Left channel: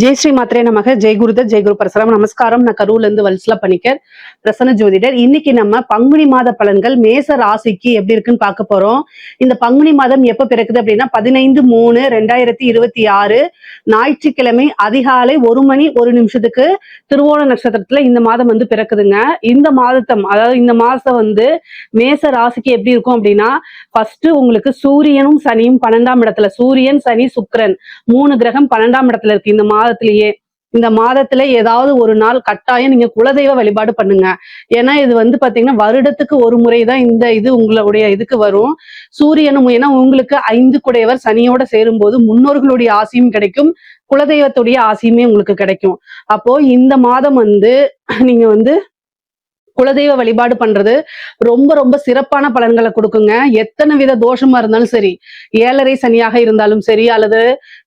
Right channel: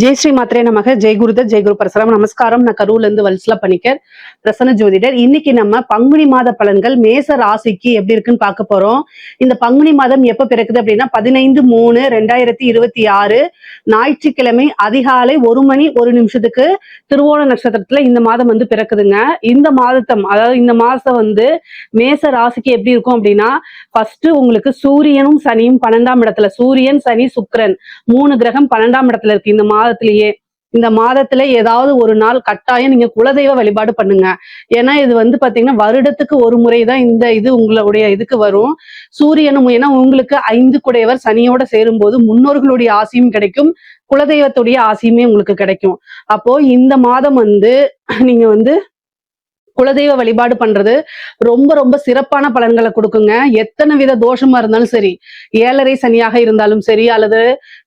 ஜெய் ஸ்ரீ மாத்திரே நமக ஜெய் குருதர் ஜெய் குரு பரசுராம். நமஸ்காரம். நான் கரூர்ல இருந்து வல்சலா பணிக்கர், பிரசன்ன ஜோதிடர். இன்னைக்கு நம்ம பங்குனி மாத பலன்கள் மேச ராசிக்கு எப்படி இருக்குன்னு பார்க்க போறோம். இந்த பங்குனி மாதம் எப்ப பிறக்குது அப்படின்னா 15/3/2026 ஞாயிற்றுக்கிழமை அதிகாலை 1:01 திருவோண நட்சத்திரத்துல இந்த மாதம் வந்து பிறக்குதுங்க. இந்த மாதத்தம் அதாவது இந்த மாசம் வந்து மேச ராசிக்கு எப்படி இருக்கும் அப்படின்னா, ஃபர்ஸ்ட் உங்களுக்கு சூரியனும் சனியும் 12ஆம் இடத்துல, சூரியன் சனி சுக்கிரன் 3 கிரகம் 12ஆம் இடத்துல இருக்கு. இந்த மாதத்துல ஏதாவது ஒரு நாள் கட்டாயம் நீங்க குலதெய்வ வழிபாடு பண்ணுங்க. ஏன்னா இது வந்து பாத்தீங்கன்னா வருடத்துக்கு ஒரு முறைதான் இது உங்களுடைய இதுக்கு வரும். சூரியனும் ஏன்னா உங்களுக்கு 5 குடையவர் சனியோட சேரும் போது முன்னோர்களுடைய ஆசையும் கிடைக்கும், குலதெய்வத்துடைய ஆசையுமே உங்களுக்கு கிடைக்கும். அப்போ இந்த மாதம் வந்து நீங்க வந்து குலதெய்வ வழிபாடு பண்றது ரொம்ப ரொம்ப சிறப்பான பலன்களை கொடுக்குங்க. எத்தனை வித தோஷமா இருந்தாலும் சரி, 7.5 சனியாக இருந்தாலும் சரி, அல்லது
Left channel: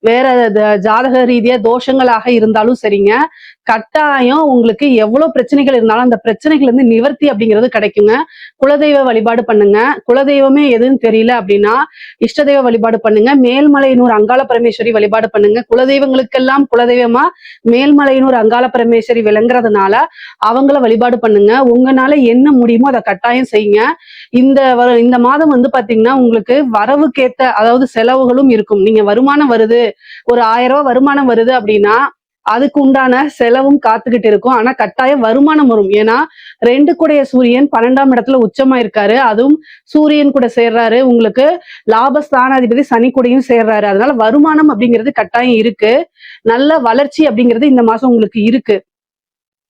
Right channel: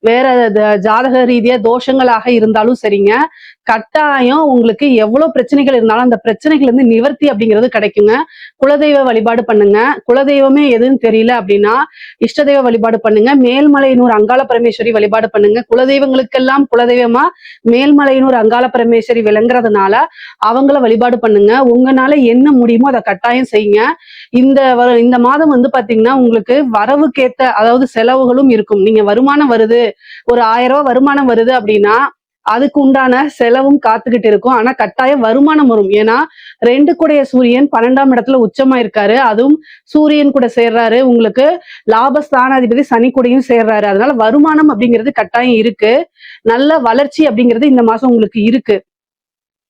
வேற ஜாதக ரீதியா தோஷங்களாக இருந்தாலும் சரிங்க, கட்டாயம் உங்களுக்கு எவ்வளவு பிரச்சனைகள் இருந்தாலும் அந்த பிரச்சனைகள் வந்து நிவர்த்தி அப்படிங்கிறது கிடைக்குங்க. குலதெய்வ வழிபாடு பண்ணுங்க. குலதெய்வமே எதுன்னு தெரியல அப்படின்னா இஷ்ட தெய்வ வழிபாடு பண்ணுங்க. மேல்மலையனூர் அங்காள பரமேஸ்வரி வழிபாடு பண்ணுங்க. குலதெய்வங்களுக்கெல்லாம் குலதெய்வமா மேல்மலையனூர் அங்காள பரமேஸ்வரி விளங்குறதுனால அவங்கள வழிபாடு பண்ணுங்க. உங்களால என்ன முடியுமோ அதை கட்டாயம் செய்யுங்க. இந்த மாதம் வந்து பாத்தீங்கன்னா உங்களுக்கு வரவுக்கேத்த அதாவது செலவுகளும் இருக்கும். நீங்க வருமானம் வருது, ஒரு 1000 ரூபாய் வருமானம் வருது அப்படின்னா அதுக்கு உண்டான செலவும் காத்துக்கிட்டு இருக்கும். ஆனா கட்டாயம் வருமானம் வரும். ஏன்னா 2 கூடைய சூரியன் 12ஆம் இடத்துல உச்சமா இருக்காரு. அதுவும் சூரியன் கூட சேர்றாரு. உங்களுக்கு லாபஸ்தானாதிபதி சனி கூடயும் சேர்றாரு. அதனால வருமானம் அப்படிங்கிறது கட்டாயம் இருக்கு. நல்ல வளர்ச்சி அப்படிங்கிறது இந்த மாசம் உங்களுக்கு இருக்கு.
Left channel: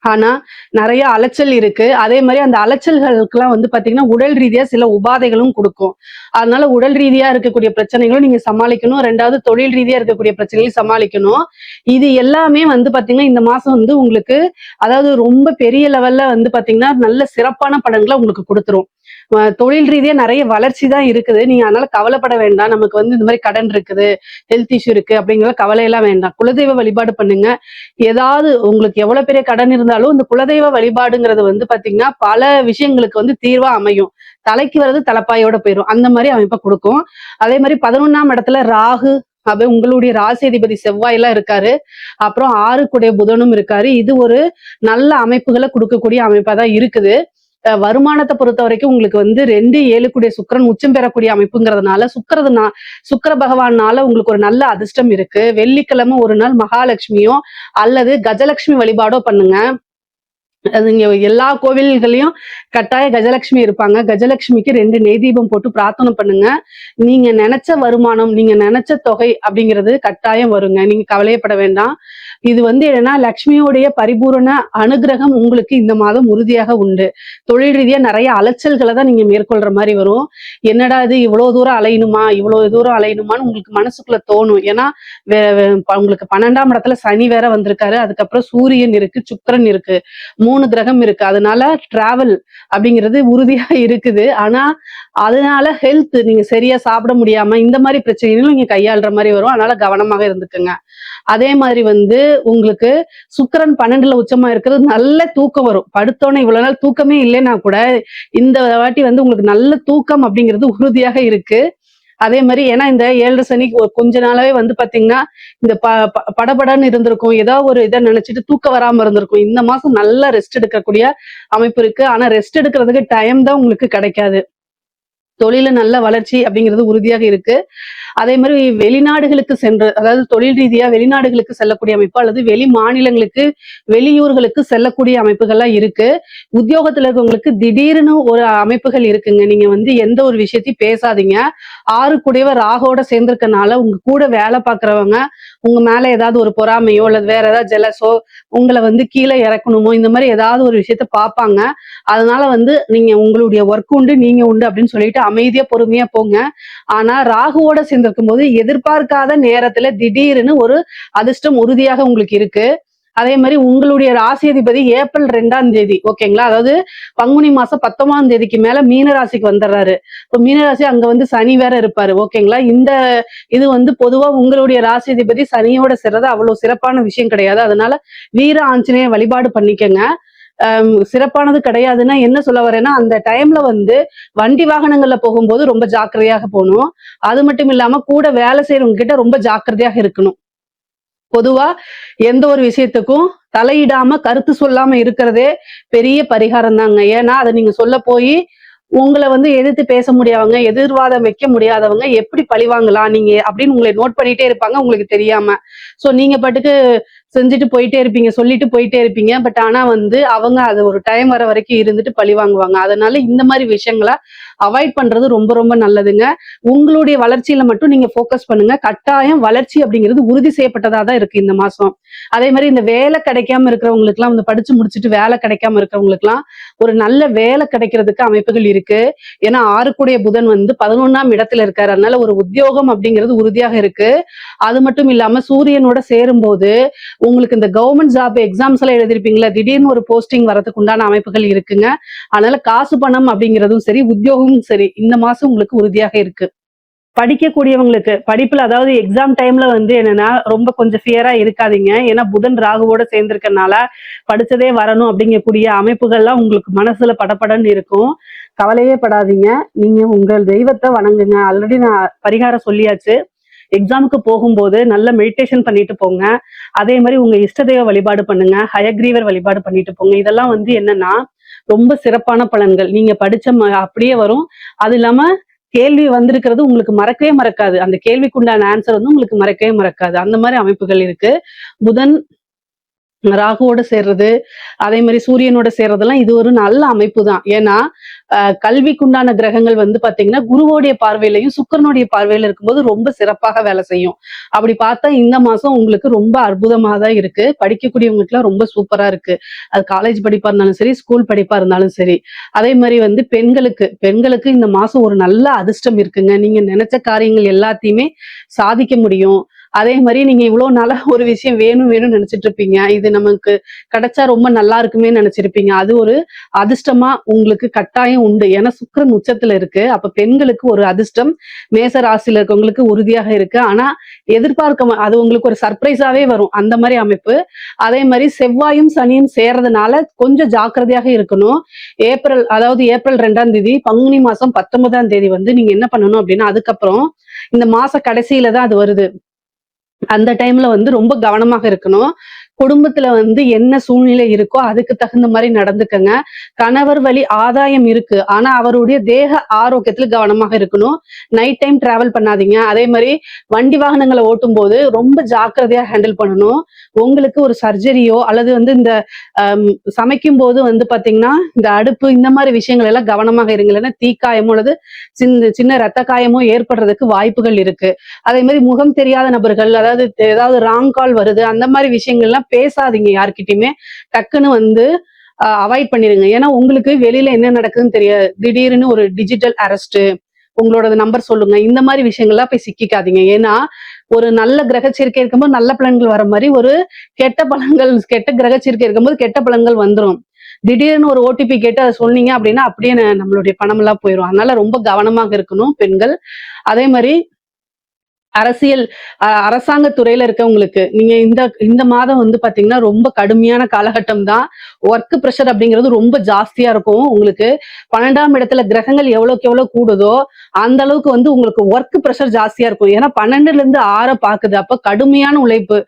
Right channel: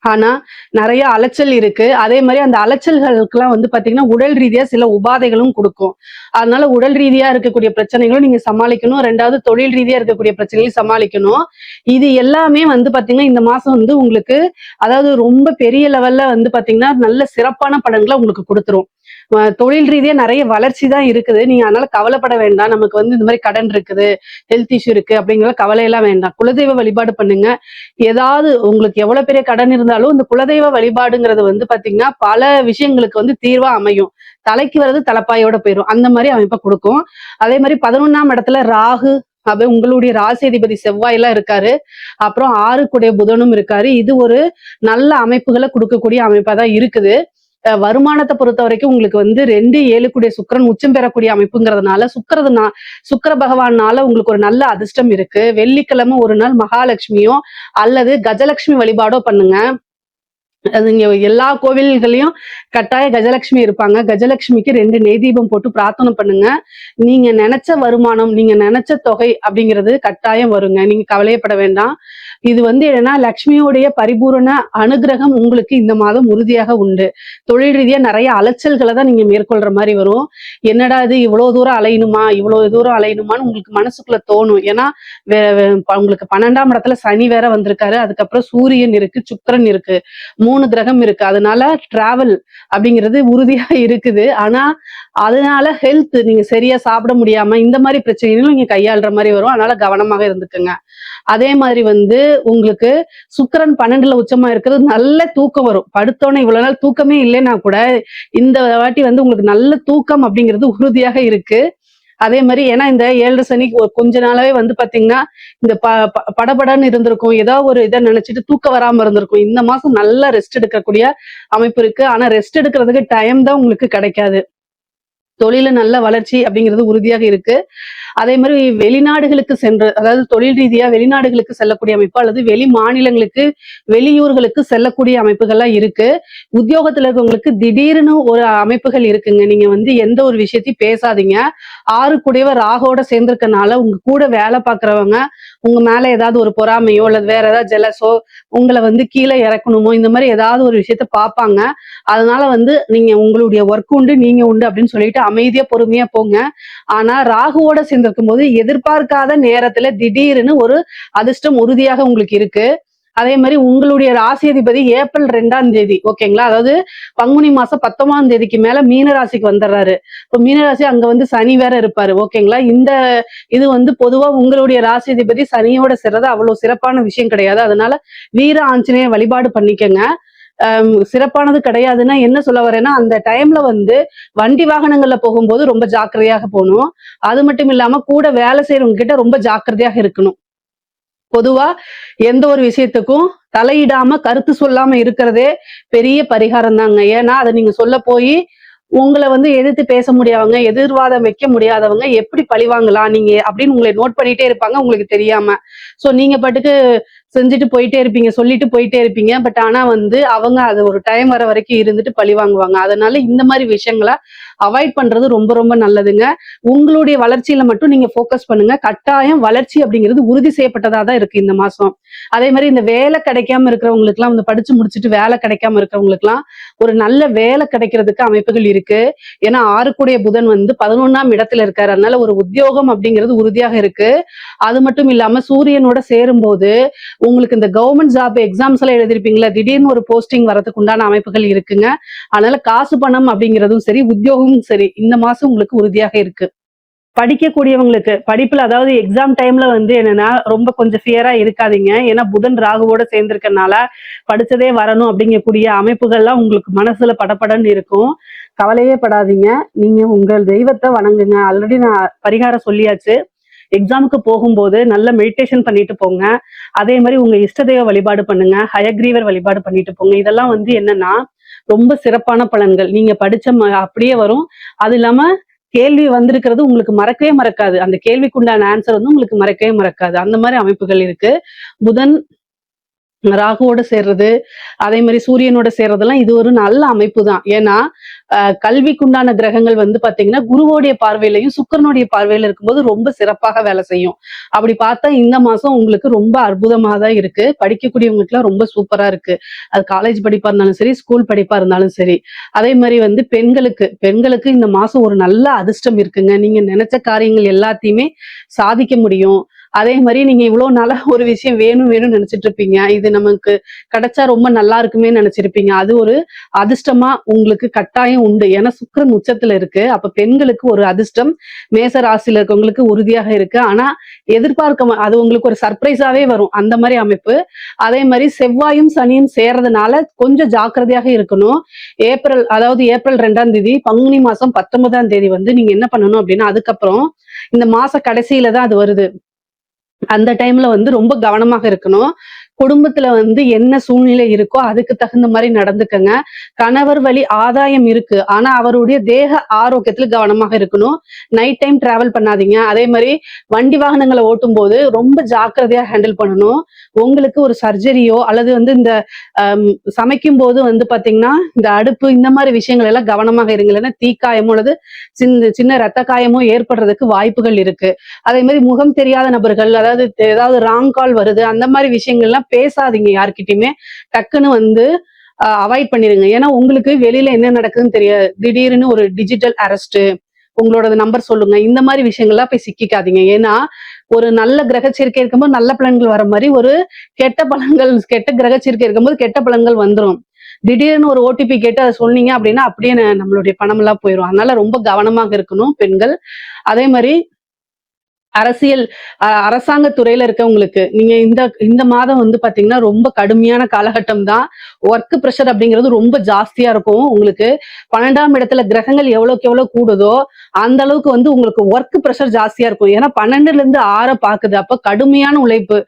ஆனா நிறைய அலைச்சல் இருக்கு. அதே மாதிரி அந்த அலைச்சல்களுக்கெல்லாம் வந்து பாத்தீங்கன்னா உடல் ரீதியா சில உபாதைகளும் கொடுக்கும். அதனால உடல் ரீதியா இருக்கக்கூடிய பிரச்சனைகளும் நீங்க சமாளிக்கணும். 2வது தொழில் ரீதியா இருக்கக்கூடிய பிரச்சனைகளையும் சமாளிக்கணும். இது எல்லாமே வந்து பாத்தீங்கன்னா இந்த மாசம் வந்து உங்களுக்கு அதாவது ரொம்ப பெரிய லெவல்ல வந்து பாத்தீங்கன்னா நல்ல சிறப்பான பலன்களை உங்களுக்கு கொடுத்துரும். தொழில் ரீதியா நிறைய வளர்ச்சி தான் இருக்குது. நீங்க அதனால கவலைப்பட வேண்டாம். நமக்கு வந்து இந்த மாதிரி கடன் இருக்குது, ஹெல்த் இஷ்யூ இருக்கு அப்படிங்கிற கவலையெல்லாம் வேண்டாம். குலதெய்வ வழிபாடு பண்ணுங்க. ஏதாவது உங்களுக்கு எவ்வளவு பெரிய கடன் இருந்தாலும் இந்த குலதெய்வ வழிபாடுங்கிறது வந்து பாத்தீங்கன்னா பல விஷயங்களுக்கு வந்து தீர்வா அமையும். தலைக்கு வர்றது தலைப்பாயோட போயிடும். அந்த மாதிரி அமைப்பை கொடுக்கும். அதே மாதிரி 11ஆம் இடத்துல ராகு, அப்ப உங்களுடைய ராசி அதிபதி செவ்வாய் எல்லாம் இருக்காரு. அப்புறம் 6 கூடிய புதனும் இருக்காரு. இது ஒரு நல்ல அமைப்புகளை கொடுக்கக்கூடிய அமைப்பா தான் இருக்குது. வருமானத்தை பொறுத்த வரைக்கும் உங்களுக்கு வந்து 2 7 கூடிய சுக்கிரன் உச்சம் பெறக்கூடிய அமைப்புங்கிறதுனால சுக்கிர பகவானால உங்களுக்கு ஒரு நல்ல அதிர்ஷ்டம் இருக்கு. வெள்ளிக்கிழமை ஒரு நாள் மகாலட்சுமியோ அல்லது கஜலட்சுமி வழிபாடோ பண்ணுங்க. அது இங்க எல்லா கோவில்களையும் கட்டாய கஜலட்சுமி இருப்பாங்க. கஜலட்சுமிக்கு 2 நெய் தீபம் போட்டு பிரார்த்தனை பண்ணுங்க. நீங்க நினைச்ச வருமானம், நீங்க நினைச்ச தொகை அப்படிங்கிறது கட்டாயம் வருங்க. நீங்க கவலையப்பட வேண்டாம். இது வந்து என்னன்னா லட்சுமியோடைய பரிபூரண அனுகிரகம் உங்களுக்கு இந்த மாதம் உறுதியாக உண்டு. தொழில் ரீதியா நிறைய அலைச்சல்களை தான் நீங்க மேற்கொள்ற மாதிரி வரும். என்னடா இது இவ்வளவு தூரம் அலையணுமான்னு உங்களுக்கு மனசுக்குள்ள தோணும். ஏன்னா உங்களுக்கு 12ஆம் இடத்துல சனி வேற வந்திருக்காரு. அதுக்கப்புறம் சூரியன் இருக்கு, சுக்கிரன் இருக்கு, 3 கிரகம் இருக்கு. அதனால டிராவல் அப்படிங்கிறது உறுதியா இருக்குது. ஆனா அதனால ஹெல்த் நீங்க சரியா சாப்பிட முடியாம இந்த மாதிரி பிரச்சனைகளும் நீங்க கையாளுற மாதிரி வரும். அதனால கவனமாவே இருந்துக்குங்க. அதே மாதிரி வந்து உங்களுக்கு சுக்கிரன் 12ல உச்சமா இருக்கிறது, நல்ல தூக்கம் வரும். படுத்தோன்னே இவ்வளவு நாள் தூக்கமே இல்லைன்னா கூட இந்த வாட்டி வந்து உங்களுக்கு நல்ல தூக்கம் அப்படிங்கிறது உறுதியாக இருக்கு. அதே மாதிரி ஏன்னா இந்த 7 சனி கொஞ்ச நாளாவே வந்து பாத்தீங்கன்னா இந்த படபடன்னு இருந்திருக்கும். ஏதாவது ஒரு இதை நினைச்சிட்டு தூக்கம் வராம இருந்திருக்கும். இந்த மாசம் நல்லா ரெஸ்ட் எடுக்கக்கூடிய அமைப்பு இருக்கு. ஆனா ரெஸ்ட் எடுக்கிறதுக்கு டைம் தான் உங்களுக்கு கிடைக்காது. தொழில நல்ல வளர்ச்சி அப்படிங்கிறது உறுதியாக இருக்கு. அதே மாதிரி வெளிநாடுகளுக்கு சென்று அதாவது தொழில் ரீதியா வெளிநாடுகளுக்கு செல்லக்கூடிய அமைப்பு அல்லது வெளி மாநிலங்களுக்கு வெளியூர்களுக்கு செல்லக்கூடிய அமைப்புகள்லாம் இருக்கு. உத்தியோகத்துல இருக்கவங்களுக்கு திடீர்னு ஒரு அமைப்புகள் இருக்குங்க. நீங்க வந்து எந்த ஒரு விஷயத்தையும் பேசாதீங்க. 6 கூடவே ராகோட சேர்ந்திருக்கனால உங்க கூட வேலை பார்க்கறவங்க உங்க மேல ஏதாவது ஒரு பொறாமையோ அல்லது வேற ஏதாவது ஜெலஸோ உங்களை வந்து கீழே இறக்கணுமோ இந்த மாதிரி ஏதாவது ஒரு விஷயத்த பார்ப்பாங்க. அதனால வந்து நீங்க உங்களுடைய ஒர்க் உண்டு, நீங்க உண்டு அப்படின்னு சொல்லிட்டு அமைதியா பொறுமையா போங்க. ஆனா ராகுவோட சேர்ந்திருக்கும் போது எதிர்பார்க்காத நேரத்துல திடீர்னு ஒரு அதிர்ஷ்டம் உறுதியாக உங்களுக்கு இருக்கு. அதே மாதிரி உங்களுடைய ராசி அதிபதி ஏப்ரல் 2ஆம் தேதி ஓகேங்களா, அதாவது பங்குனி மாசம் 19ஆம் தேதிக்கு மேல மீன ராசிக்கு வந்துடுறாரு. இப்போ மீனராசி அங்க வந்து சனி வேற இருப்பாரு ஓகேங்களா. இது வந்து பொதுவா உங்களுடைய ராசி அதிபதி சனியோட சேர்றது அவ்வளவு சிறப்பான விஷயம் கிடையாது. அதனால வீர ஆஞ்சநேய வழிபாடு பண்ணிக்கங்க. சிறப்பானது கிடையாதுன்னா என்ன சொல்ல வரேன்னா, அந்த டைம்ல வந்து வண்டி வாகனங்கள்ல போகும்போது ரொம்ப ஜாக்கிரதையாக போகணும். அது மட்டும் இல்லாம கூட வேலை செய்யறவங்க கிட்ட ரொம்ப ஜாக்கிரதையாக இருக்கணும். பொதுவா எந்த ஒரு விஷயத்துக்கும் தலையிடாம கருத்து சொல்லாம இருக்கிறதே பெரிய பரிகாரம் தாங்க. ஏன்னா அதை நீங்க சொல்ல போய் உங்களை வந்து எதிர்த்து பேச முடியாதவங்க, எதிர்வாதம் வைக்க முடியாதவங்க எப்படி பழிவாங்கலாம் நீங்க அப்படின்னு உங்களை நோட் பண்ணிட்டே இருப்பாங்க உங்களுக்கு தெரியாம. சோ நீங்க பாட்டுக்கு செஞ்சுட்டு போயிட்டே இருப்பீங்க, சொல்லிட்டு போயிட்டே இருப்பீங்க. பட் ஆனா வந்து அவங்க அது ஒரு டைம் வர வரைக்கும் இருந்துட்டு பழி வாங்குவாங்க. அதனால இந்த மாதிரி விஷயங்களை அவாய்ட் பண்றது ரொம்ப ரொம்ப நல்லதுங்க. உங்களுடைய வளர்ச்சியில மட்டும் நீங்க ஃபோக்கஸ் பண்ணுங்க. கட்டாயம் வளர்ச்சி அப்படிங்கிறது உறுதி செய்யப்பட்டதா தான் இருக்கு இந்த மாசம். அதே மாதிரி இந்த வேலை கிடைக்காம இருக்கிறவங்களுக்கு எல்லாம், இந்த படிச்சு முடிச்சுட்டு வேலை கிடைக்காம இருக்கிறவங்களுக்கு எல்லாம் ஒரு நல்ல வேலை கிடைக்கிறதுக்கு அமைப்புகள் இருக்கு. ஏன்னா 6 புதன் வந்து 11ஆம் இடத்துல இருக்காரு. அதனால ஒரு உத்தியோகம் அப்படிங்கிறது உறுதியாக இருக்கு. அது மட்டும் இல்லாம சூரியனோட சேரும் போது உங்களுக்கு இந்த கவர்மெண்ட் ஜாப் எக்ஸாம்ஸ் எல்லாம் எழுதிருப்பீங்களா, திடீர்னு ஒரு போஸ்டிங் வரதுக்கு உண்டான அமைப்புகள் இருக்குங்க. அதனால காசு பணம் அப்படிங்கிறதும் சரி, உத்தியோகமும் சரி, இந்த மாசம் உங்களுக்கு உறுதியாக இருக்கு. படிக்கக்கூடியவங்களுக்கு படிப்புல, அதாவது எக்ஸாம் டைம்ல வந்து என்னன்னா ரொம்ப கொஞ்சம் ஃபியரா இருக்காதீங்க. ஏன்னா புதன் ராகுவோட சேர்ந்திருக்கனால படிச்சதே வரணும் அப்படிங்கக்கூடிய அமைப்புகள்லாம் உங்களுக்கு மனசுல படபடன்னு இருக்கும். கவலையே படாதீங்க. நீங்க உங்கள் தெய்வத்தை வணங்குங்க. ஆல்ரெடி நான் பரிகாரம் சொல்லியாச்சு. எக்ஸாமுக்கு போகும்போது நல்ல மெடிடேஷன் பண்ணிட்டு போங்க. அதே மாதிரி உங்க இஷ்ட தெய்வ வழிபாடு பண்ணுங்க. ஹயக்ரீவர் வழிபாடு பண்ணிட்டு போங்க. இதெல்லாம் வந்து என்னன்னா ரொம்ப சிறப்பான பலன்கள். நீங்க படிச்ச அப்படியே வரும். அது இல்லாம கேள்வி வந்திருக்கிறது உங்களுக்கு மறக்கவே மறக்காது. அந்த கேள்விக்குண்டான ஆன்சர் வந்து உங்களுக்கு மறக்கவே மறக்காது. அந்த மாதிரி அமைப்புகள் இருக்கு. புதன் ராகுவோட சேர்றது, அதே மாதிரி சூரியனோட சேர்றதெல்லாம் இது ஒரு நல்ல அமைப்பு தான். ஏன்னா கல்விக்குண்டான கிரகங்கள் வந்து பாத்தீங்கன்னா குருவோடைய பார்வையிலையும் சுக்கிரனுடைய பார்வையில இருக்கும்போது ரொம்ப சிறப்பாக வேலை செய்யும். அப்படி பார்த்தா இந்த மாசம் உங்களுக்கு ரொம்ப அற்புதமா தான் இருக்கு. படிக்கக்கூடியவங்களுக்கு எல்லாம் ரொம்ப சூப்பரா இருக்கு. அது காலேஜ் படிப்பா இருந்தாலும் சரி, ஸ்கூல் படிப்பா இருந்தாலும் சரி. அதே மாதிரி வந்து பெண்களுக்கு இந்த மாசம் ஒரு நல்ல அதிர்ஷ்டம் இருக்குங்க. நீங்க நினைச்ச காரியங்கள் எல்லாத்தையுமே சாதிக்க முடியும். அதே மாதிரி நீங்க இவ்வளவு நாளா ஒரு விஷயம் வேணும்னு நினைச்சிட்டு இருப்பீங்க. இது நமக்கு கிடைச்சா ரொம்ப நல்லா இருக்குமே நினைச்சிருப்பீங்க. அது ஒரு அதிர்ஷ்டமா உங்களுக்கு கட்டாயம் உண்டு. ஏன்னா சுக்கிரன் உச்சத்துல இருக்கு. அப்ப பெண்களுக்கு ஒரு அதிர்ஷ்டம் மேச ராசியில இருக்கவங்களுக்கு உறுதியாக இருக்கு. ஆனா எதிர்பார்க்க அது உங்களுக்கு ஒரு சர்ப்ரைஸாவே வரும். அந்த மாதிரி அமைப்பு. அதே மாதிரி செவ்வாயும் சனியும் சேர்றதுனால கொஞ்சம் ஜாக்கிரதையாக இருக்கணும். அதாவது ஏப்ரல் 2ஆம் தேதி, பங்குனி மாசம் 19ஆம் தேதி வந்து நீங்க என்ன பண்ணணும் அப்படின்னா, அதுக்கப்புறம் இந்த மாச கடைசியில தான் அது வருது. அந்த டைம்ல வந்து ரொம்ப கவனமாக இருக்கணும். குடும்பத்துல வந்து என்ன சூழ்நிலை இருக்கோ அதுக்கு தகுந்த மாதிரி நடந்துக்கங்க. கணவர் வழி ஆதாயம் இருக்கு. ஆனா அவருடைய தேக ஆரோக்கியத்துல கவனமாக இருக்கணும். நைட் டைம் டிராவல் பண்ணாதீங்க. அதே மாதிரி வண்டி வாகனங்களை ஓட்டும் போது ரொம்ப ஜாக்கிரதையா ஹேண்டில் பண்ணணும். உங்களுக்கு ஒரு சர்ஜரியோ அல்லது வந்து இந்த சமைக்கும் போது வந்து பாத்தீங்கன்னா இந்த அடுப்பு இந்த மாதிரி விஷயங்கள் எல்லாம் கவனமாக இருங்க. இல்லைன்னா தீக்காயமோ அல்லது சின்ன சின்ன ரத்த காயமோ ஏற்படுறதுக்கு வாய்ப்புகள் இருக்கு. அதே மாதிரி முகம் தெரியாத நபர்கள், அதாவது ஏதாவது ராங் கால் வருது, அந்த மாதிரி விஷயங்கள்லாம் பேசாதீங்க யார்கிட்டயுமே. டக்குன்னு வந்து அவாய்ட் பண்ணிருங்க. ஏன்னா உங்களுக்கு வெளியில என்ன நடக்குதுன்னு தெரியாது. திடீர்னு ஒரு டிஜிட்டல் அரெஸ்ட், உங்களோட நம்பர் சொல்லுங்க, இந்த மாதிரி விஷயங்கள்லாம் போய் சிக்கிக்காதீங்க. ஏன்னா ஒரு நல்ல கிரக சேர்க்கை இருக்கும்போது நல்ல பலன்கள் வர மாதிரி ஒரு கெட்ட கிரக சேர்க்கை இருக்கும்போது கெட்ட பலன்கள் வந்துடும். திடீர்னு ஒரு ஓடிபி கேட்டு அதை சொன்னீங்க அப்படின்னா அப்படியே நம்மளுடைய பணம் எல்லாம் போயிடும். அதனால ரொம்ப கவனமாக இருக்கணும் பெண்கள். அதே மாதிரி அரசாங்க துறையில இருக்கவங்களுக்கு நீங்க இந்த மாதம் வந்து பாத்தீங்கன்னா ரொம்ப கடுமையான காலகட்டம் தான். ஒர்க் ப்ரெஷர் அப்படிங்கிறது ரொம்ப ஜாஸ்தியா இருக்கும் உங்களுக்கு. 12ஆம் இடத்துல கிரகங்கள் எவ்வளவுக்கு எவ்வளவு கூடுதோ அந்த அளவுக்கு வந்து உங்களுக்கு ஒர்க் ப்ரெஷர் ஜாஸ்தியா இருக்கும். ஏன்னா 12ல இருந்து 6 பாக்குது. அப்ப கடுமையான உழைப்பு.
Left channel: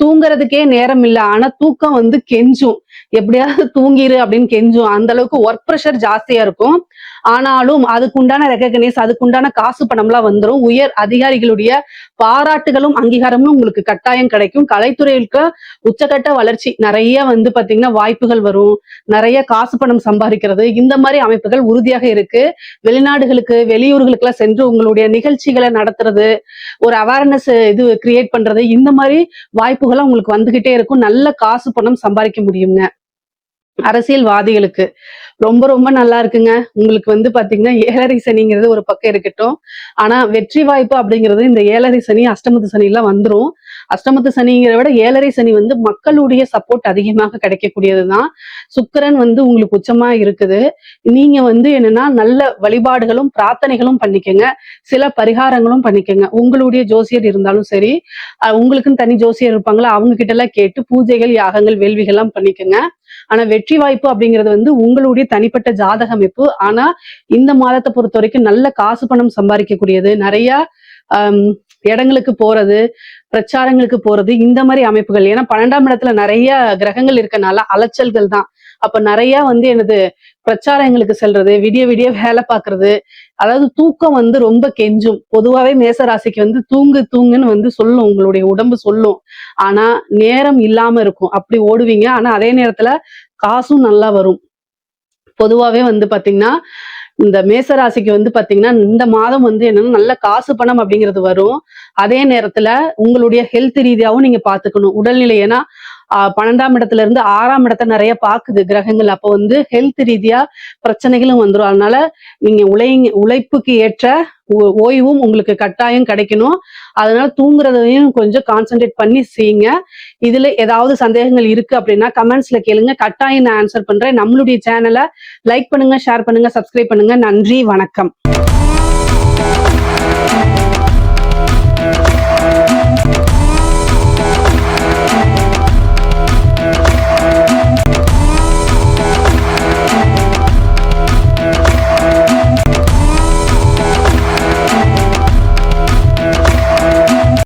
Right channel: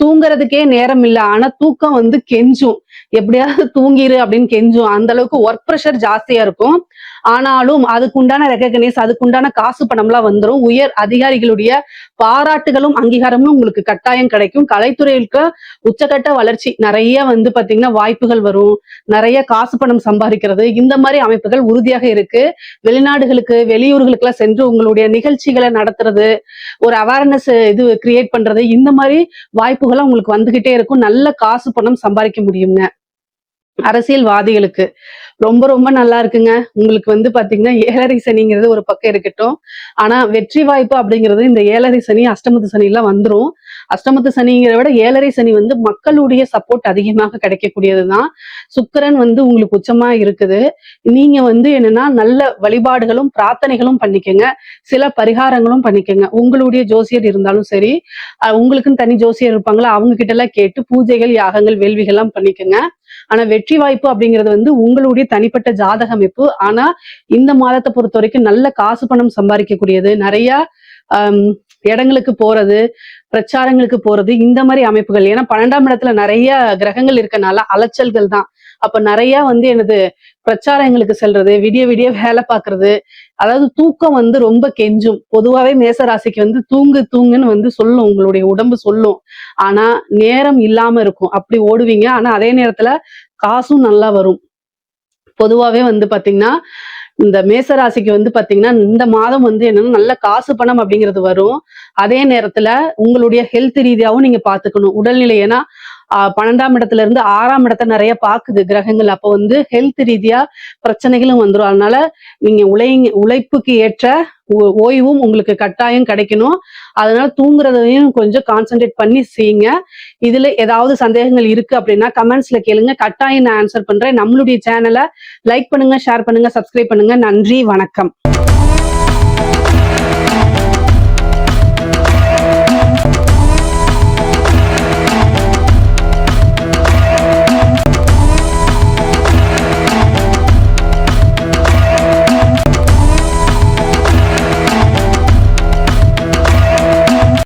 தூங்குறதுக்கே நேரம் இல்லை. ஆனா தூக்கம் வந்து கெஞ்சும், எப்படியாவது தூங்கிரு அப்படின்னு கெஞ்சும். அந்த அளவுக்கு ஒர்க் ப்ரெஷர் ஜாஸ்தியா இருக்கும். ஆனாலும் அதுக்குண்டான ரெகக்னைஸ், அதுக்குண்டான காசு பணம்லாம் வந்துடும். உயர் அதிகாரிகளுடைய பாராட்டுகளும் அங்கீகாரமும் உங்களுக்கு கட்டாயம் கிடைக்கும். கலைத்துறைக்கு உச்சகட்ட வளர்ச்சி நிறைய வந்து பாத்தீங்கன்னா வாய்ப்புகள் வரும். நிறைய காசு பணம் சம்பாதிக்கிறது, இந்த மாதிரி அமைப்புகள் உறுதியாக இருக்கு. வெளிநாடுகளுக்கு வெளியூர்களுக்கு எல்லாம் சென்று உங்களுடைய நிகழ்ச்சிகளை நடத்துறது, ஒரு அவேர்னஸ் இது கிரியேட் பண்றது, இந்த மாதிரி வாய்ப்புகளும் உங்களுக்கு வந்துகிட்டே இருக்கும். நல்ல காசு பணம் சம்பாதிக்க முடியுங்க. அரசியல்வாதிகளுக்கு ரொம்ப ரொம்ப நல்லா இருக்குங்க. உங்களுக்கு வந்து பாத்தீங்கன்னா 7ரை சனிங்கிறது ஒரு பக்கம் இருக்கட்டும். ஆனா வெற்றி வாய்ப்பு அப்படிங்கிறது இந்த 7ரை சனி, அஷ்டமத்து சனி எல்லாம் வந்துடும். அஷ்டமத்து சனிங்கிறத விட 7ரை சனி வந்து மக்களுடைய சப்போர்ட் அதிகமாக கிடைக்கக்கூடியதுதான். சுக்கிரன் வந்து உங்களுக்கு உச்சமா இருக்குது. நீங்க வந்து என்னன்னா நல்ல வழிபாடுகளும் பிரார்த்தனைகளும் பண்ணிக்கங்க. சில பரிகாரங்களும் பண்ணிக்கங்க. உங்களுடைய ஜோசியர் இருந்தாலும் சரி, உங்களுக்குன்னு தனி ஜோசியர் இருப்பாங்களா, அவங்க கிட்ட எல்லாம் கேட்டு பூஜைகள், யாகங்கள், வேள்விகள் எல்லாம் பண்ணிக்கங்க. ஆனா வெற்றி வாய்ப்பு அப்படிங்கிறது வந்து உங்களுடைய ஒவ்வொருத்தருடைய தனிப்பட்ட ஜாதக அமைப்பு. ஆனா இந்த மாதத்தை பொறுத்த வரைக்கும் நல்ல காசு பணம் சம்பாதிக்கக்கூடியது, நிறைய இடங்களுக்கு போறது, பிரச்சாரங்களுக்கு போறது, இந்த மாதிரி அமைப்புகள். ஏன்னா 12ஆம் இடத்துல நிறைய கிரகங்கள் இருக்கனால அலைச்சல்கள் தான். அப்ப நிறைய எனது பிரச்சாரங்களுக்கு செல்றது, விடிய விடிய வேலை பார்க்கறது, அதாவது தூக்கம் ரொம்ப கெஞ்சும். பொதுவாவே மேசராசிக்கு தூங்கு தூங்குன்னு சொல்லும், உங்களுடைய உடம்பு சொல்லும். ஆனா நேரம் இல்லாம இருக்கும். அப்படி ஓடுவீங்க. ஆனா அதே நேரத்துல காசும் நல்லா வரும். பொதுவாவே பாத்தீங்கன்னா இந்த மேசராசிக்கு பாத்தீங்கன்னா இந்த மாதம் என்னன்னா நல்ல காசு பணம் அப்படிங்கிறது வரும். அதே நேரத்துல உங்களுடைய ஹெல்த் ரீதியாவும் நீங்க பாத்துக்கணும். உடல்நிலை. ஏன்னா 12ஆம் இடத்துல இருந்து 6ஆம் இடத்தை நிறைய பாக்குது கிரகங்கள். அப்ப ஹெல்த் ரீதியா பிரச்சனைகளும் வந்துரும். அதனால நீங்க உழைப்புக்கு ஏற்ற ஓய்வும் உங்களுக்கு கட்டாயம் கிடைக்கணும். அதனால தூங்குறதையும் கொஞ்சம் கான்சென்ட்ரேட் பண்ணி செய்யுங்க. இதுல ஏதாவது சந்தேகங்கள் இருக்கு அப்படின்னா கமெண்ட்ஸ்ல கேளுங்க, கட்டாயம் நான் ஆன்சர் பண்றேன். நம்மளுடைய சேனலை லைக் பண்ணுங்க, ஷேர் பண்ணுங்க, சப்ஸ்கிரைப் பண்ணுங்க. நன்றி, வணக்கம்.